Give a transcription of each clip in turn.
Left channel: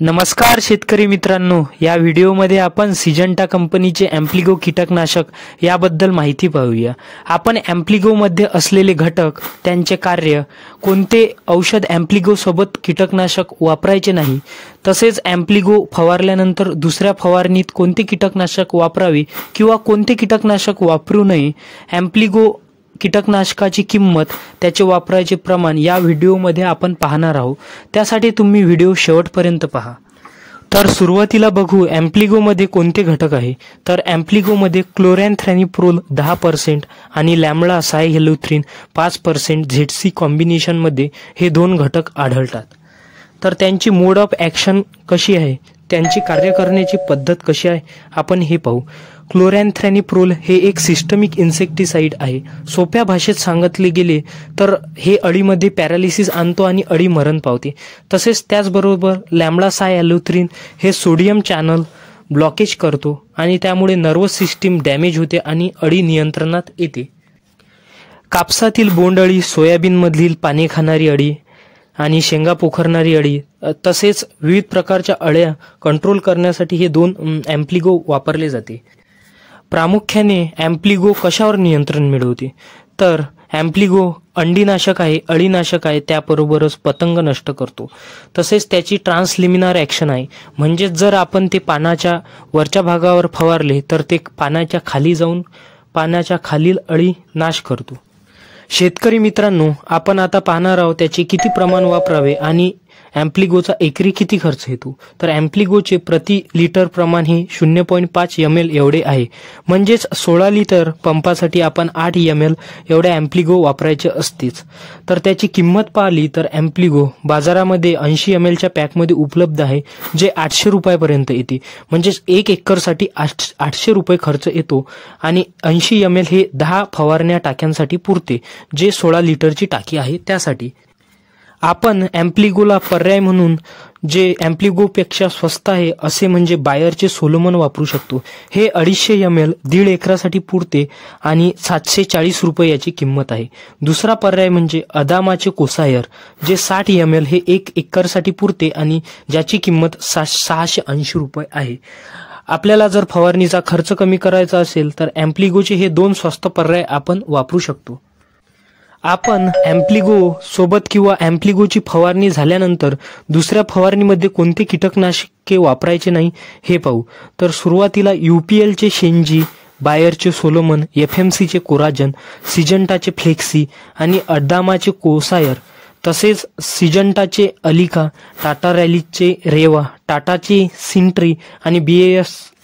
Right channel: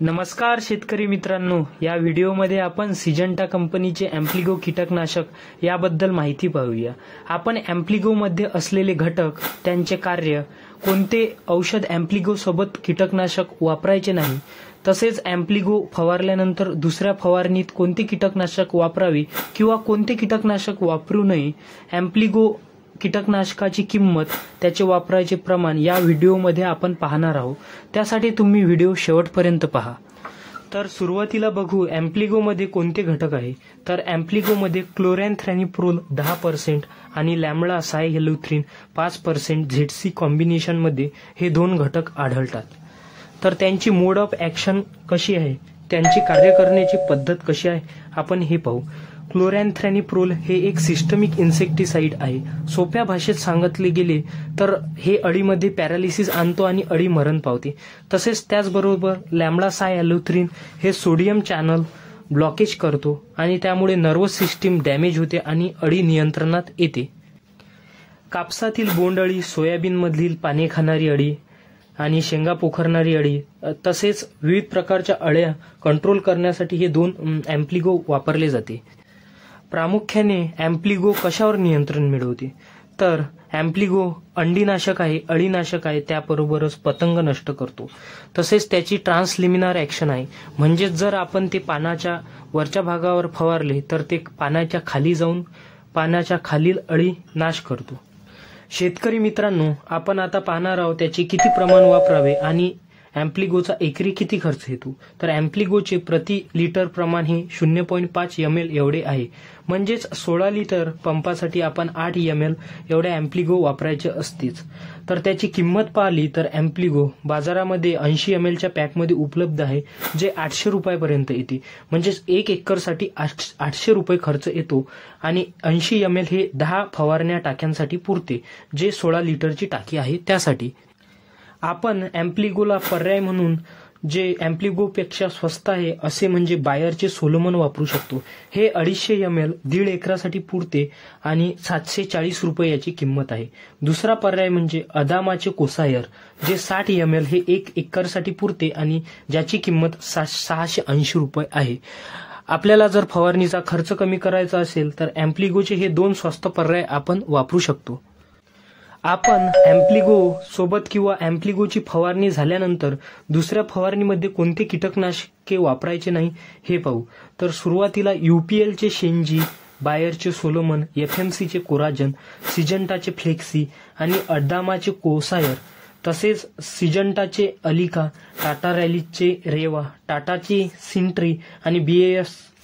नमस्कार शेतकरी मित्रांनो, या व्हिडिओमध्ये आपण सिजंटा कंपनीचे ॲम्प्लिगो कीटकनाशक याबद्दल माहिती पाहूया। आपण ॲम्प्लिगो मध्ये असलेले घटक, त्यांचे कार्य, कोणते औषध ॲम्प्लिगो सोबत कीटकनाशक वापरायचे नाही, तसेच ॲम्प्लिगो फवारल्यानंतर दुसऱ्या फवारणीत कोणते कीटकनाशक वापरावे किंवा कोणते कीटकनाशक वापरू नये, ॲम्प्लिगो कीटकनाशकाची किंमत, त्याचे वापरायचे प्रमाण या व्हिडिओमध्ये आपण पाहणार आहोत। त्यासाठी तुम्ही व्हिडिओ शेवटपर्यंत पहा। तर सुरुवातीला बघू ॲम्प्लिगो मध्ये कोणते घटक आहे। तर ॲम्प्लिगो मध्ये क्लोरॅन्थ्रॅनिप्रोल 10% आणि लॅम्बडा सायहॅल्युथ्रिन 5% झेडसी कॉम्बिनेशन मध्ये हे दोन घटक आढळतात। तर त्यांची मोड ऑफ ॲक्शन कशी आहे, त्यांची कार्य करण्याची पद्धत कशी आहे, आपण हे पाहू। क्लोरॅन्थ्रॅनिप्रोल हे एक सिस्टमिक इन्सेक्टिसाइड आहे। सोप्या भाषेत सांगितले गेले तर हे अळीमध्ये पॅरालिसिस आणतो आणि अळी मरण पावते। तसेच त्याचबरोबर लॅम्बडा सायहॅल्युथ्रिन हे सोडियम चॅनल ब्लॉकेज करतो आणि त्यामुळे नर्वस सिस्टीम डॅमेज होते आणि अळी नियंत्रणात येते। कापसातील बोंडअळी, सोयाबीनमधील पाने खाणारी अळी आणि शेंगा पोखरणारी अळी, तसेच विविध प्रकारच्या अळ्या कंट्रोल करण्यासाठी हे दोन ॲम्प्लिगो वापरले जाते। प्रामुख्याने ॲम्प्लिगो कशावर नियंत्रण मिळवते, तर ॲम्प्लिगो अंडीनाशक आहे, अळीनाशक आहे, त्याबरोबरच पतंग नष्ट करतो। तसेच त्याची ट्रान्सलिमिनार ॲक्शन आहे, म्हणजे जर आपण ते पानाच्या वरच्या भागावर फवारले तर ते पानाच्या खाली जाऊन पानाच्या खालील अळी नाश करतो। शेतकरी मित्रांनो, आपण आता पाहणार आहोत त्याचे किती प्रमाण वापरावे आणि ॲम्प्लिगोचा एकरी किती खर्च येतो। तर ॲम्प्लिगोचे प्रति लिटर प्रमाण हे 0.5 ml एवढे आहे, म्हणजेच 16 लिटर पंपासाठी आपण 8 ml एवढे ॲम्प्लिगो वापरायचे असतेच। तर त्याची किंमत पाहिली तर ॲम्प्लिगो बाजारामध्ये 80 ml च्या पॅकमध्ये उपलब्ध आहे, जे 800 रुपयापर्यंत येते, म्हणजेच 1 एकरसाठी 800 रुपये खर्च येतो आणि 80 ml हे 10 फवारण्या टाक्यांसाठी पुरते, जे 16 लिटरची टाकी आहे त्यासाठी। आपण ॲम्प्लिगोला पर्याय म्हणून जे ॲम्प्लिगोपेक्षा स्वस्त आहे असे म्हणजे बायरचे सोलोमन वापरू शकतो। हे 250 ml 1.5 एकरासाठी पुरते आणि 740 रुपये याची किंमत आहे। दुसरा पर्याय म्हणजे अदामाचे कोसायर, जे 60 ml हे 1 एकरसाठी पुरते आणि ज्याची किंमत 680 रुपये आहे। आपल्याला जर फवारणीचा खर्च कमी करायचा असेल तर ॲम्प्लिगोचे हे दोन स्वस्त पर्याय आपण वापरू शकतो। आपण ॲम्प्लिगो सोबत किंवा ॲम्प्लिगोची फवारणी झाल्यानंतर दुसऱ्या फवारणीमध्ये कोणते कीटकनाशके वापरायचे नाही हे पाहू। तर सुरुवातीला UPLचे शेंजी, बायरचे सोलोमन, FMCचे कोराजन, सिजंटाचे फ्लेक्सी आणि अदामाचे कोसायर, तसेच सिजंटाचे अलिका, टाटा रॅलीचे रेवा, टाटाचे सिंट्री आणि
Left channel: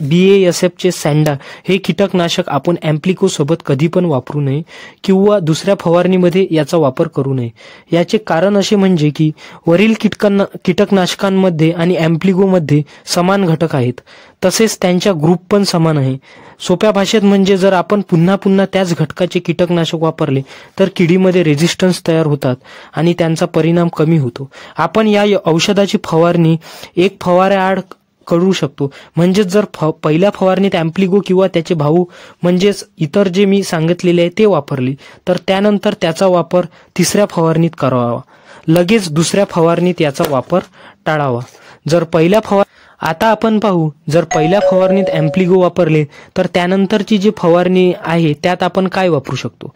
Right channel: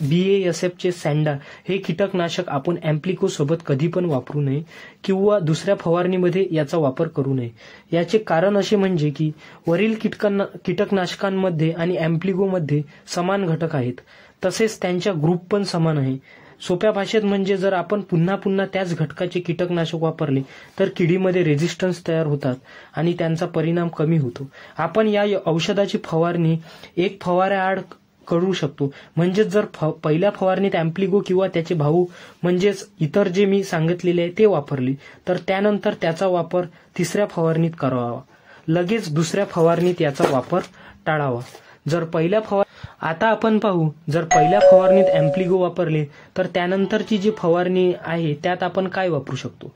BASFचे सँडा हे कीटकनाशक आपण ॲम्प्लिगो सोबत कधी पण वापरू नये किंवा दुसऱ्या फवारणीमध्ये याचा वापर करू नये। याचे कारण असे म्हणजे की वरील कीटकनाशकांमध्ये आणि ॲम्प्लिगोमध्ये समान घटक आहेत, तसेच त्यांच्या ग्रुप पण समान आहे। सोप्या भाषेत म्हणजे जर आपण पुन्हा पुन्हा त्याच घटकाचे कीटकनाशक वापरले तर किडीमध्ये रेझिस्टन्स तयार होतात आणि त्यांचा परिणाम कमी होतो। आपण या औषधाची फवारणी एक फवाऱ्याआड करू शकतो, म्हणजेच जर पहिल्या फवारणीत ॲम्प्लिगो किंवा त्याचे भाऊ म्हणजेच इतर जे मी सांगितलेले आहे ते वापरले तर त्यानंतर त्याचा वापर तिसऱ्या फवारणीत करावा, लगेच दुसऱ्या फवारणीत याचा वापर टाळावा। आता आपण पाहू, जर पहिल्या फवारणीत ॲम्प्लिगो वापरले तर त्यानंतरची जी फवारणी आहे त्यात आपण काय वापरू शकतो।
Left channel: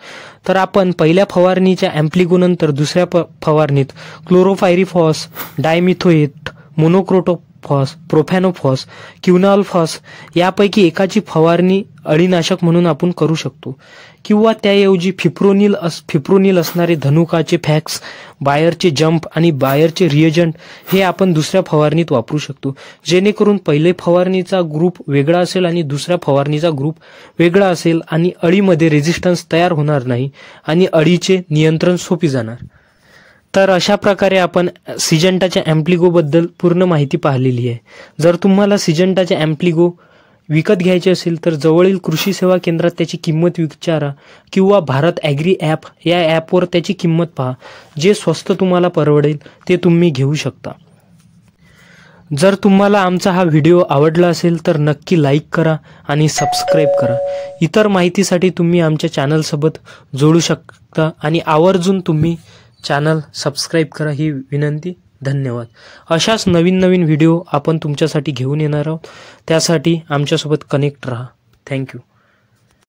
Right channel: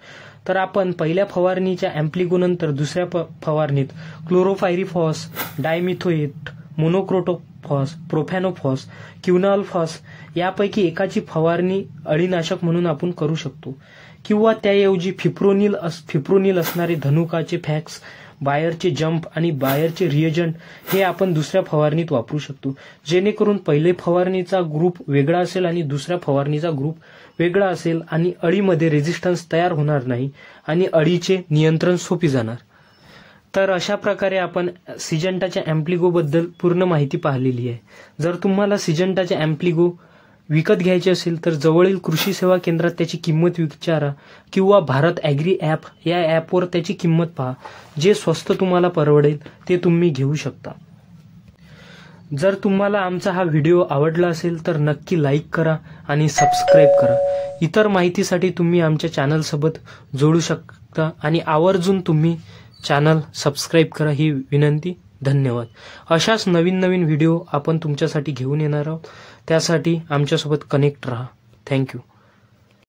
तर आपण पहिल्या फवारणीच्या ॲम्प्लिगो नंतर दुसऱ्या फवारणीत क्लोरोपायरिफॉस, डायमिथोएट, मोनोक्रोटोफॉस, प्रोफॅनोफॉस, क्विनॉल्फॉस यापैकी एकाची फवारणी अळीनाशक म्हणून आपण करू शकतो, किंवा त्याऐवजी फिप्रोनिल असणारे धनुकाचे फॅक्स, बायरचे जंप आणि बायरचे रिएजंट हे आपण दुसऱ्या फवारणीत वापरू शकतो, जेणेकरून पहिले फवारणीचा ग्रुप वेगळा असेल आणि दुसऱ्या फवारणीचा ग्रुप वेगळा असेल आणि अळीमध्ये रेझिस्टन्स तयार होणार नाही आणि अळीचे नियंत्रण सोपे जाणार। तर अशा प्रकारे आपण सिजंटाच्या ॲम्प्लिगो बद्दल पूर्ण माहिती पाहिलेली आहे। जर तुम्हाला सिजंटाच्या ॲम्प्लिगो विकत घ्यायचे असेल तर जवळील कृषी सेवा केंद्रात त्याची किंमत विचारा किंवा भारत ॲग्री ॲप या ॲपवर त्याची किंमत पहा, जे स्वस्त तुम्हाला परवडेल ते तुम्ही घेऊ शकता। जर तुम्हाला आमचा हा व्हिडिओ आवडला असेल तर नक्की लाईक करा आणि सबस्क्राईब करा। इतर माहितीसाठी तुम्ही आमच्या चॅनलसोबत जोडू शकता आणि आवर्जून तुम्ही चॅनल सबस्क्राईब करा ही विनंती। धन्यवाद. अशाच नवीन नवीन व्हिडिओ आपण तुमच्यासाठी घेऊन येणार आहोत. त्यासाठी आमच्यासोबत कनेक्ट राहा. थँक्यू.